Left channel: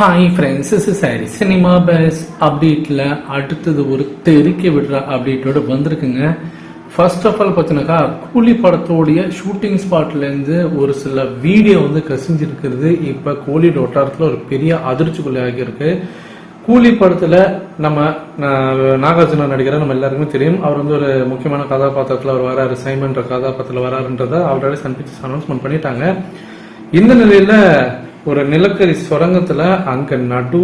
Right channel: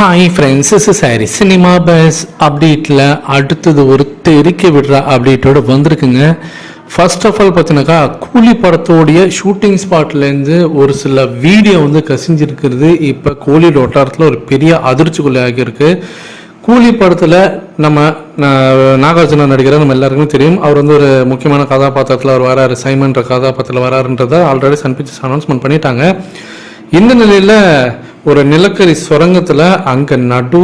Hi friends is sorry cinema buzz அப்டேட்டில் அடுத்தது ஒரு தெறிக்க விடுற அப்டேட்டோடு வந்திருக்குங்க. ஃபர்ஸ்ட் ஆஃப் ஆல் பார்த்தீங்கன்னாக்கா கூலி படத்தோடைய ஷூட்டிங் ஸ்பாட்லேருந்து ஒரு சில வீடியோ வந்து கசிஞ்சிருக்கிறது. இப்போ கோலி வட்டாரத்தில் ஒரு பெரிய அதிர்ச்சிக்குள்ளே ஆகியிருக்கு. கூலி படத்தில் நம்ம நாகார்ஜுனா நடிகர் நம்ம எல்லாருக்குமே தெரியும். அவர் வந்து ஒரு முக்கியமான கதாபாத்திரத்தில் அவர் வராரு. சைமன்ற கதாபாத்திரத்தில் வராருன்றதை ஆல்ரெடி சன் பிக்சர்ஸ் அனௌன்ஸ்மெண்ட் பண்ணிட்டாங்க. இந்த நிலையில் ஒரு நிலக்கரி சுரங்கத்தில் அங்கே நடு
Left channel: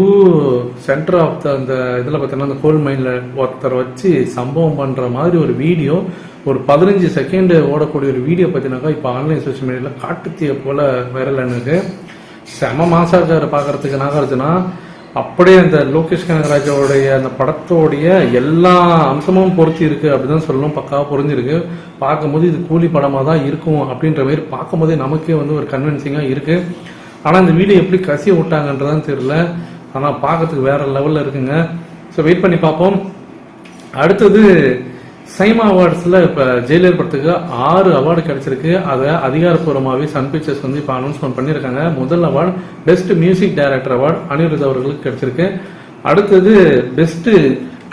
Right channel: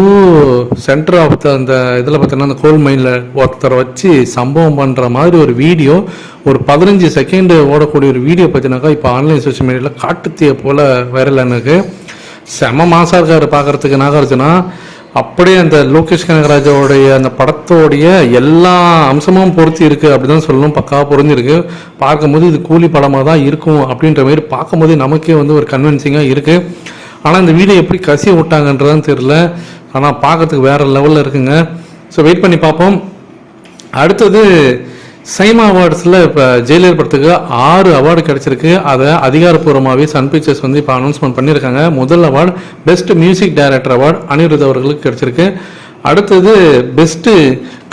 சென்டர் ஆஃப் த அந்த இதில் பார்த்தீங்கன்னா அந்த கோல் மைனில் ஒருத்தரை வச்சு சம்பவம் பண்ணுற மாதிரி ஒரு வீடியோ ஒரு பதினஞ்சு செகண்டு ஓடக்கூடிய ஒரு வீடியோ பார்த்தீங்கன்னாக்கா இப்போ ஆன்லைன் சோஷியல் மீடியாவில் காட்டுத்தீய போல் வைரல் எனக்கு செம மாசாஜார் இருக்காரு பார்க்கறதுக்கு நாகார்ஜுனா அப்படியே அந்த லோகேஷ் கனகராஜாவுடைய அந்த படத்தோடைய எல்லா அம்சமும் பொருத்தி அப்படி அப்படிதான் சொல்லணும். பக்காவாக பொருந்திருக்கு பார்க்கும்போது இது கூலி படமாக தான் இருக்கும் அப்படின்ற மாதிரி பார்க்கும்போது நமக்கே வந்து ஒரு கன்வின்சிங்காக இருக்குது ஆனால் இந்த வீடியோ எப்படி கசி விட்டாங்கன்றதான் தெரியல. ஆனால் பார்க்கறதுக்கு வேறு லெவலில் இருக்குங்க. ஸோ வெயிட் பண்ணி பார்ப்போம். அடுத்தது சைமா அவார்ட்ஸில் இப்போ ஜெயிலர் படத்துக்கு ஆறு அவார்டு கிடச்சிருக்கு. அதை அதிகாரப்பூர்வமாகவே சன் பிக்சர்ஸ் வந்து இப்போ அனௌன்ஸ்மெண்ட் பண்ணியிருக்காங்க. முதல் award best music director award Anirudh அவர்களுக்கு கிடைச்சிருக்கு. அடுத்தது பெஸ்ட்டு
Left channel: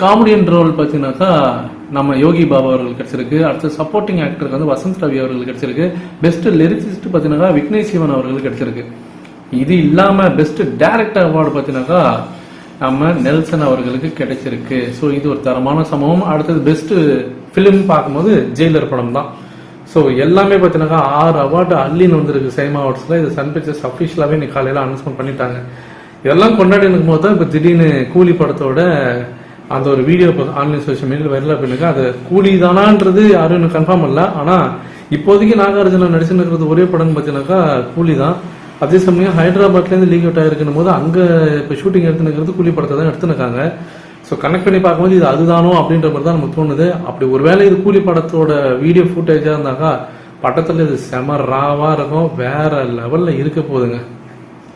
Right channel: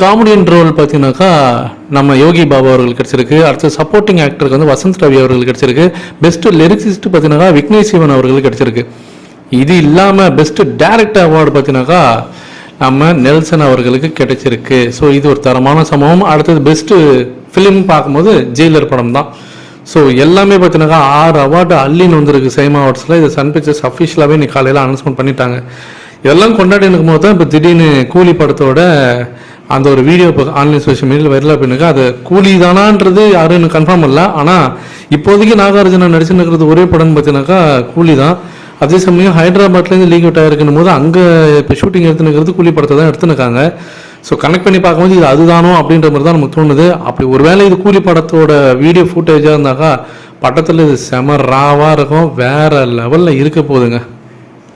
காமெடியன் ரோல் பார்த்தீங்கன்னாக்கா நம்ம யோகி பாபா அவர்கள் கிடச்சிருக்கு. அடுத்து சப்போர்ட்டிங் ஆக்டருக்கு வந்து வசந்த் ரவி அவர்கள் கிடச்சிருக்கு. பெஸ்ட்டு லிரிக்ஸிஸ்ட் பார்த்தீங்கன்னா விக்னேஷ் சிவன் அவர்கள் கிடச்சிருக்கு. இது இல்லாமல் பெஸ்ட்டு டைரக்டர் அவார்டு பார்த்தீங்கன்னாக்கா நம்ம நெல்சன் அவர்களுக்கு கிடைச்சிருக்கு. ஸோ இது ஒரு தரமான சம்பவம். அடுத்தது பெஸ்ட்டு ஃபிலிம் பார்க்கும்போது ஜெயிலர் படம் தான் ஸோ எல்லாமே பார்த்தீங்கன்னாக்கா ஆறு அவார்டு அள்ளின்னு வந்திருக்கு சேம் அவார்ட்ஸில் இது சன் பிக்சர்ஸ் அஃபிஷியலாகவே இன்னைக்கு காலையில் அனௌன்ஸ்மெண்ட் பண்ணிட்டாங்க. இதெல்லாம் கொண்டாடி இருக்கும் போது தான் இப்போ திடீர்னு கூலி படத்தோட அந்த ஒரு வீடியோ இப்போ ஆன்லைன் சோஷியல் மீடியாவில் வைரலாக போயிருக்கு அது கூலி தானான்றது யாரும் எனக்கு கன்ஃபார்ம் இல்லை ஆனால் இப்போதைக்கு நாகார்ஜுனா நடிச்சுன்னு இருக்கிறது ஒரே படம்னு பார்த்தீங்கன்னாக்கா கூலி தான் அதே சமயம் ஹைதராபாத்லேருந்து லீக் அவுட் ஆகிருக்கும் போது அங்கே இப்போ ஷூட்டிங் எடுத்துனுக்கிறது கூலி படத்தை தான் எடுத்துனுக்காங்க. ஸோ கனெக்ட் பண்ணி பார்க்கும்போது இது அதுதானோ அப்படின்ற மாதிரி தான் நமக்கு தோணுது. அப்படி ஒருவேளை இது கூலி படத்தோட வீடியோ ஃபுட்டேஜாக இருந்தாக்கா படத்தில் இது செம ராவாக இருக்கும். வேற லெவலில் இருக்க போகுதுங்க